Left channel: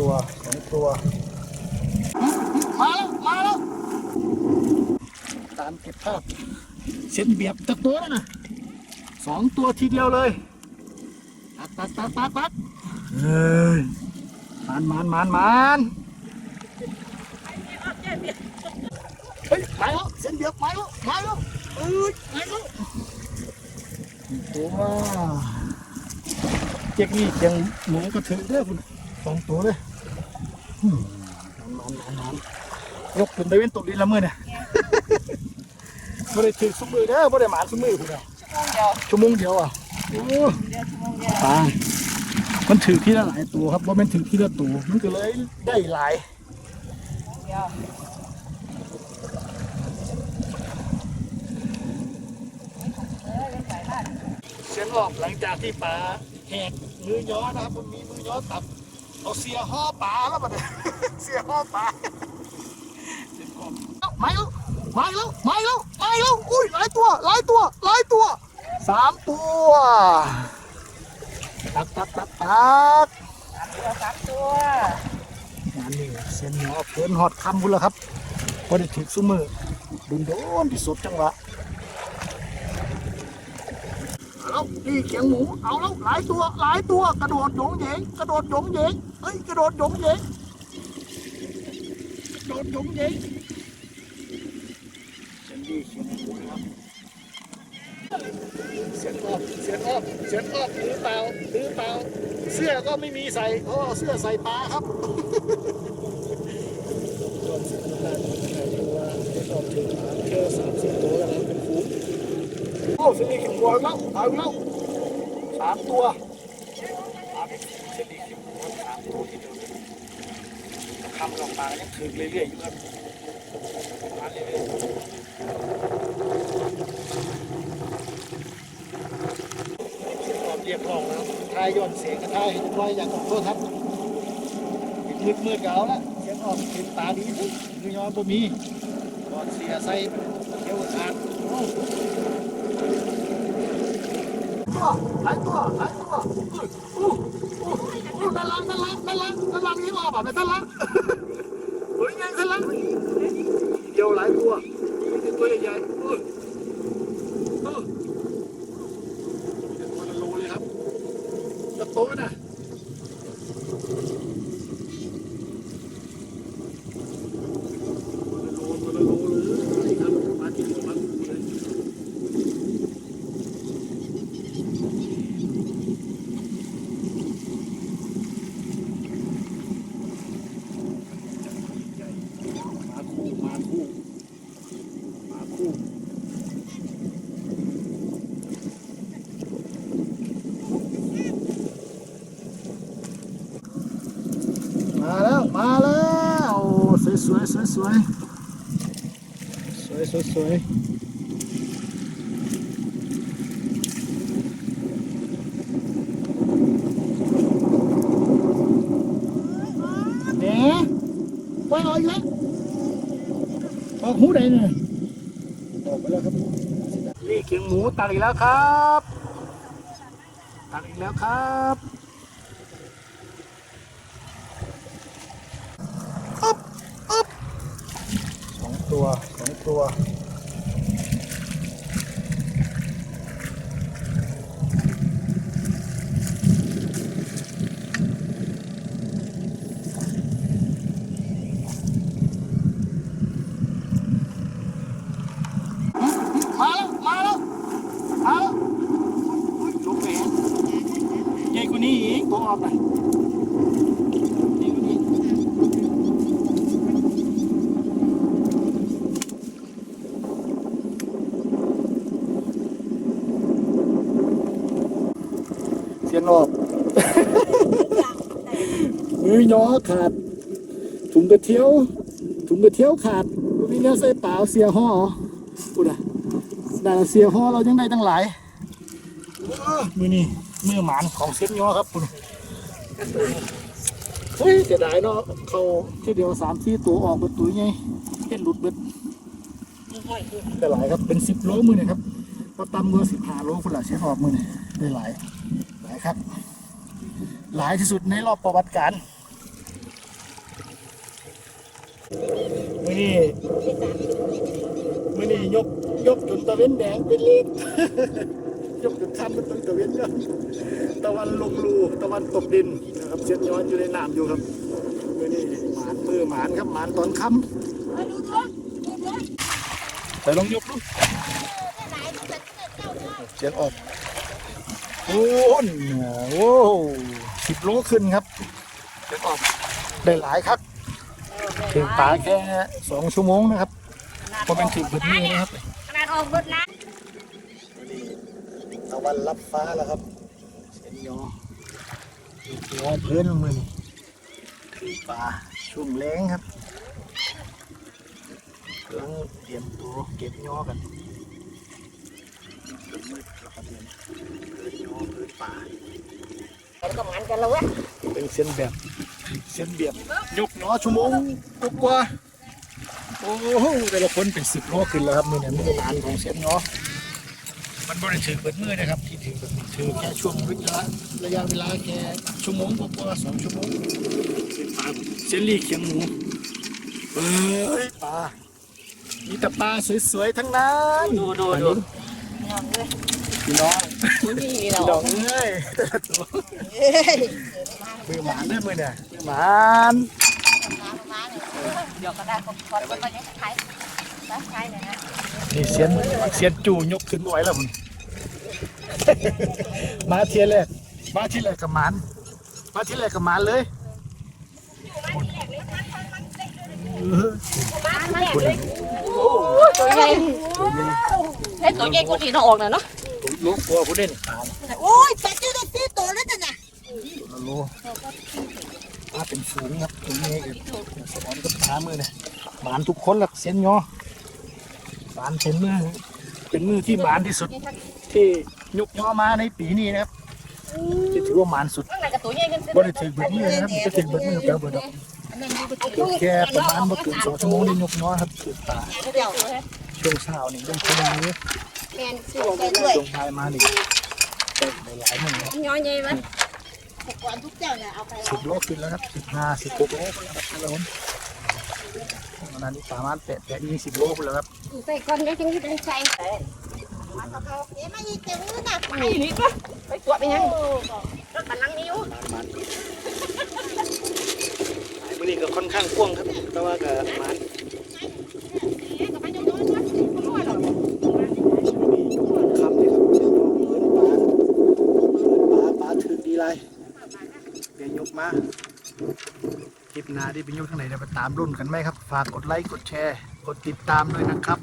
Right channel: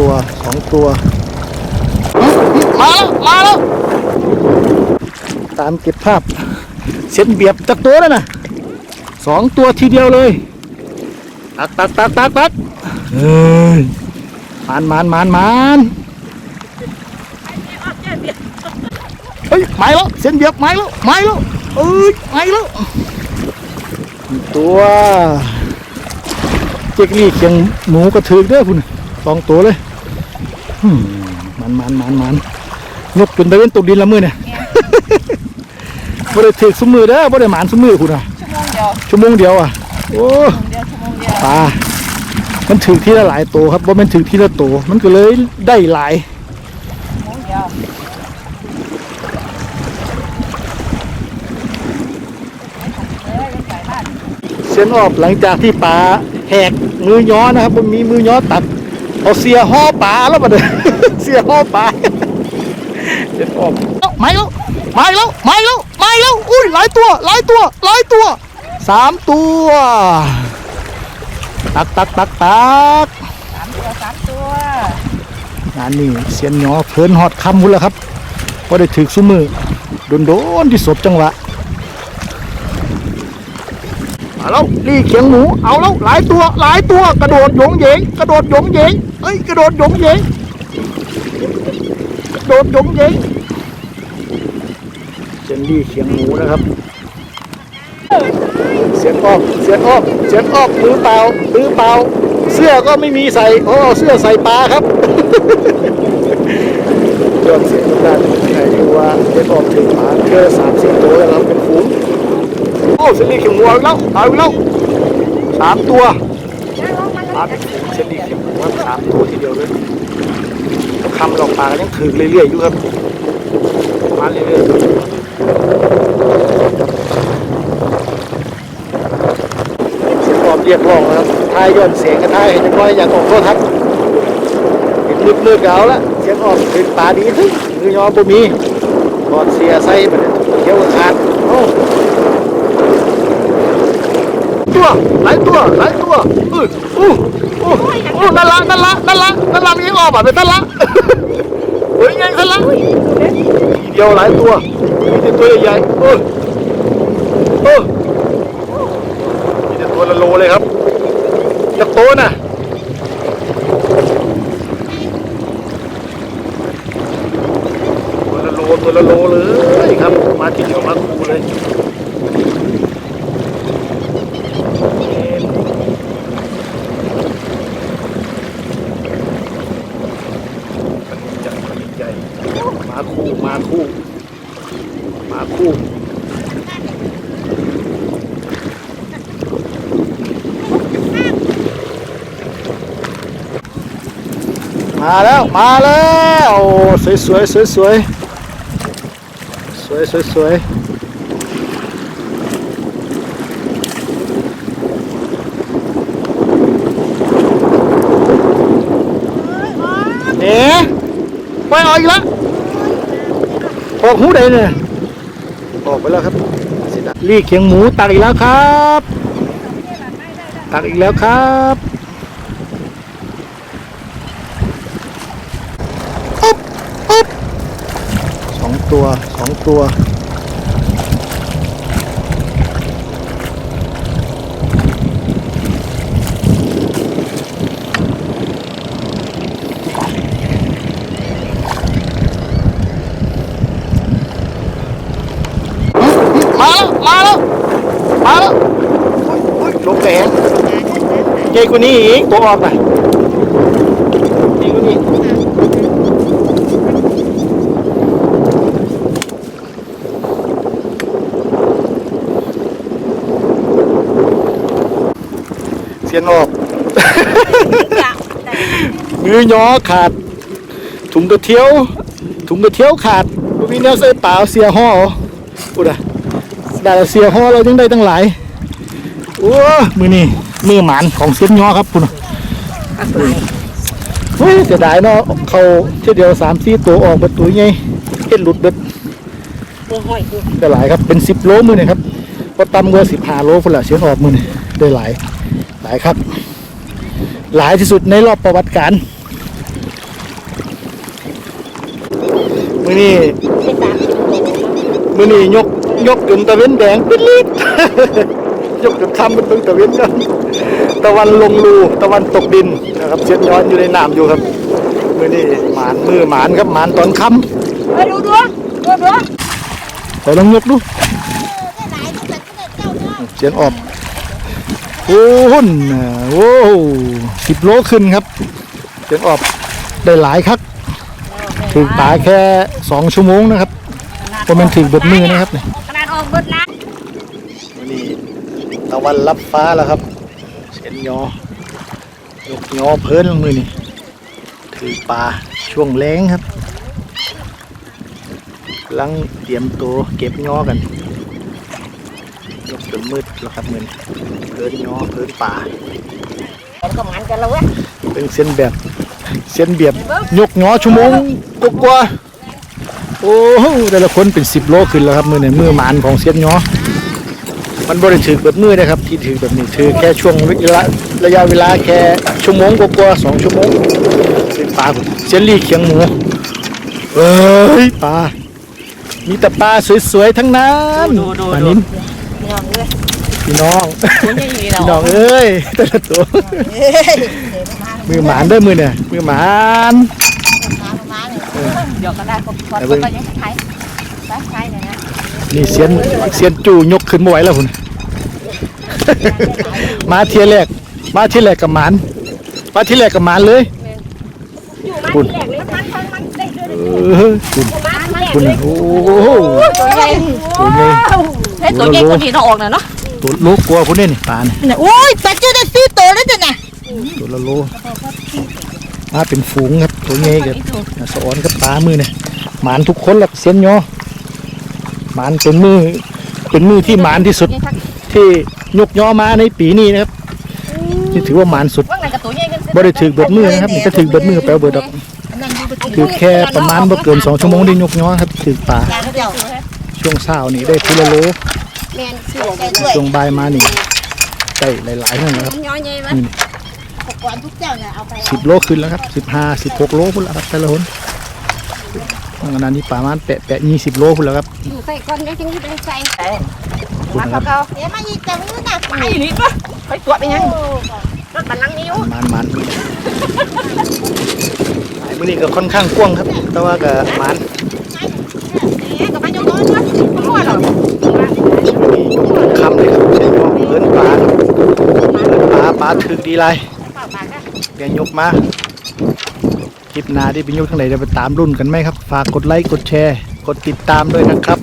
ตัวสองตัว มาแล้ว มาแล้ว ตามเก็บภาพ เส้นเบียบจากตัวแล้วนะสองตัวทีเดียวเลย ตักตักตักตักตักเฮ้ยมานมานมานมานเฮ้ยไม่แล้วเส้นเบียบไม่แล้วไม่แล้วเอ้ยไม่แล้วหนึ่งตัวเจ๊กนี่เคียงหมูกระถือเด้อพุ่นสองตัวเลยอื มมันมันมันมันยกจนได้เป็นตุกดินละมือเนี่ยบ่ได้ถือสมือเด้อบ่ได้หมานสมือคุณอะชั่วโมงเดียวชั่วโมงเดียวอะโอ้ชั่วโมงเดียวชั่วโมงเดียวปลามันถือที่ละหลายตัวครับว่ามันถือที่ละตัวมันก็เลยได้หลายชั่วโมงเดียวเอ้ยยังใส่บ้านเส้นออกหลังจากที่ปลาแหกมือย้อนะครับมันมีมือย้อตัด เอาเสียห่อปลาแล้วมาเด้อเสียห่อปลาเส้นออกไม่แล้วไม่แล้วไม่แล้วไม่แล้วอุ้ยหลายตัวหลายตัวหลายตัวสามตัวตักตักตักตักสามตัวสามตัวงานนี้เสียนหยอเพิ่นฮอดคำพุ่นแล้วครับก็ได้ถึกซุมือโดนโดนๆที่สบจังหวะ มาแล้วนี่เขียงหมูเอาแล้วหลายตัวหลายตัวกระโดดโยงเหยงกระโดดโยงเหยงเอ้ยกระโดดโยงเหยงกระโดดโยงเหยงเสียนดีเขียงหมูนะครับเสียนออกเสียนออกเสียนออกมือเปล่ามือเปล่า เสื้อก็ไม่มีใส่เพราะเอาเสื้อใส่ปลาครับยอดเสียงทุกท่านใครรู้ว่าเด็กออกถึงหมาเจอสามสิบตัวแล้วครับเป็นฝูง โอ้เซรีเขียวหัวแล้วเอาแล้วสามตัวปลาเป็นฝูงเซรีเขียวหัวสามตัวทีเดียวเลยคำเราปลากันยังถือเรื่อยๆอยู่ครับมาเรื่อยๆเสียงออกเรียกร้องนะครับท้ายย้อนเสียงกันท้ายเห็นจังน้อยอยากออกโทษทัศน์เห็นมืดมืดๆก็เอาละเสียงออกเป็นปลาดีทึงมือยอบ่มีกอดเสียใส่มันเขียวขาดโอ้ ตัวหลายตัวหลายตัวอื้ออู้อู้อู้นั่นละนั่นละนั่นละนั่นละมีออกแบบเป็นนั่นละโอ้ยไงนั่นละเดียวหลายตัวมีแต่ตัวใหญ่ๆเออเออมีแต่ตัวละโลเลยครับจักโตน่ะตัวละโลตัวละโลเลยครับ มาทีเดียวมาคูเลยจัดใหญ่มา คู่มาคู่มาคู่มาแล้วมาแล้วโอ้สวยสวยสวยสวยสวยสวยสวยเนี่ยไปเอาอีกแล้ว ออกหูใดเนี่ยออกไปแล้วครับลีกเขียงหมูตักอีกแล้วครับ ตักอีกแล้วครับสองตัวสองตัว มาแล้ว มาแล้วาแล้วลงแรงใหญ่กว่านี้อีกตัวออกหน่อยกูนี้เสียนออก มือย้อขาด ถุงกระเทียว ถุงกระเทียวขาดบ่มีแนวใส่เปล่าเสียห่อพูดอะ ได้เสียห่อเรายังได้ตั้งหลายโอ้มือนี่มือหมานของเสียนย้อครับพูดอะโอ้ยจะได้เนาะเขาเที่เดียวสามสี่ตัวออกประตูไงเห็นหลุดเบิดตัวห้อยตัวได้หลายครับเป็นสิบโลมือนี่ครับก็ตำกว่าสิบห้าโลพุ่นละเสียงออกมือนี่ได้หลายหลายครับ หลายที่สุดในรอบประวัติการมือนี้เป็นสามสิบโลมือนี้ยก ยกจนตะเวนแดงเป็นลิดยกจนคำเป็นเพิ่งตะเวนกันตะวันลงรูตะวันตกดินนะครับเช็ดย้อนอยู่ในน้ำอยู่ครับมือนี้หมานมือหมานครับหมานตอนค่เฮ้ยดูดูดูดูำแต่ลองยกดูเสียนออกโอ้หุ่นน่ะโอ้สิบโลขึ้นครับเสียนออกได้หลายครับถึงปลาแค่สองชั่วโมงนะครับเพราะมันถึงเบิดมือนะครับเนี่ยขนาด ออกเบิดนะวันนี้ตะวันรับฟ้าแล้วครับเสียนยอยกยอเพิ่นลงมือนี่ถือปลาช่วงแรงครับกำลังเตรียมตัวเก็บยอกันยกจนมืดแล้วครับมือนี้เพิ่นยอเพิ่นปลาแล้วก็มันกันแล้วเว้ยเป็นเส้นแบบเส้นเบียบยกยอชั่วโมงกว่าๆ โอ้โหแต่ละคนเป็นสิบโลขึ้นแล้วครับมือนี่มือหมานของเส้นยอมันบริถือเบิดมือนะครับ ที่ถือแบบนี้ถือแค่ช่วงระยะระยะเวลาแค่ชั่วโมงกว่าๆสองชั่วโมงเป็นปลาเส้นลี่เคียงหมูเอ้ยปลามีแต่ปลาสวยๆทั้งนั้นปลานิ้นงองเลยพี่น้องคุณยังอยู่พี่น้องเอ้ยแต่ละตัวเฮ้ยมือหมานเด้อมือเนี่ยมือหมาน เดี๋ยวก็ได้ก็พอก็ยังใช้ใช้เนี่ยนะนี่เสียนเสียนจู่ยกขึ้นมาไหวแล้วคุณมาเทียแรกมาเทียแรกกับหมานมาเทียแรกกับหมานเลยอยู่มันแหลกเลยมันมันมันได้ด้วยเออคุณมันมันคุณน่ะโอ้โหตัวใหญ่ตัวใหญ่เฮ้ยตัวใหญ่กว่านี้ต้องออกหน่อยเนาะตัวโลกลัวพุ่นนี่นี่ปลานี่เนี่ยโอ้ยปลาเจอได้ซื้อโตแล้วจ้ะน่ะตัวละโล มาเป็นฝูงครับตัวใหญ่กับสอนกับปลามือเนี่ยหมานทุกคนหลักเส้นยอหมานเป็นมือเป็นมือที่หมานที่สุดที่ยกยอมาในปีนี้นะครับนี่ถือว่าหมานสุดว่าไงกับตัวใหญ่กันบ่ได้ถือเบิดมือนะครับมันจะถือเบิดมือไปเบิดดอกถือแค่ประมาณบ่เกินสองชั่วโมงได้ยกยอครับถือปลาเดี๋ยวช่วงเช้านี่ได้ทีละโลแมนซื้อได้ด้วยช่วงบ่ายมานี่ได้หลายๆนั่นนะครับมันย้ อยใหญ่มั้ยก่อนทุกเจ้าเนี่ยเอาไปสิบโลขึ้นแล้วครับสิบห้าสิบหกโลพุ่นแล้วครับแต่ละคนทางนั้นนี่ประมาณแปะแปะยี่สิบโลพุ่นแล้วครับอยู่ใส่ก้อนได้จังที่ได้ใส่พุ่นมานะครับเขาเดี๋ยวมาอีกจังนู้นน่ะไปนี่ปะไปตรวจไปยังรถบัลลังก์นิ้วมันมันหลายมื้อนี้ก็ค่อนข้างกว้างครับ แต่ว่าก็มันกับมันยกน้อยมั้ยไม่รู้หรอกคำเลยครับเช่นว่าเอิ้นปลาครับเอิ้นปลาปลาถึกดีไร บียวยกมา คลิปหน้าที่ไปยกทางไหนจะไปตามรุ่นกันไหมครับ ฝากกดไลค์ กดแชร์ กดติดตามด้วยนะครับ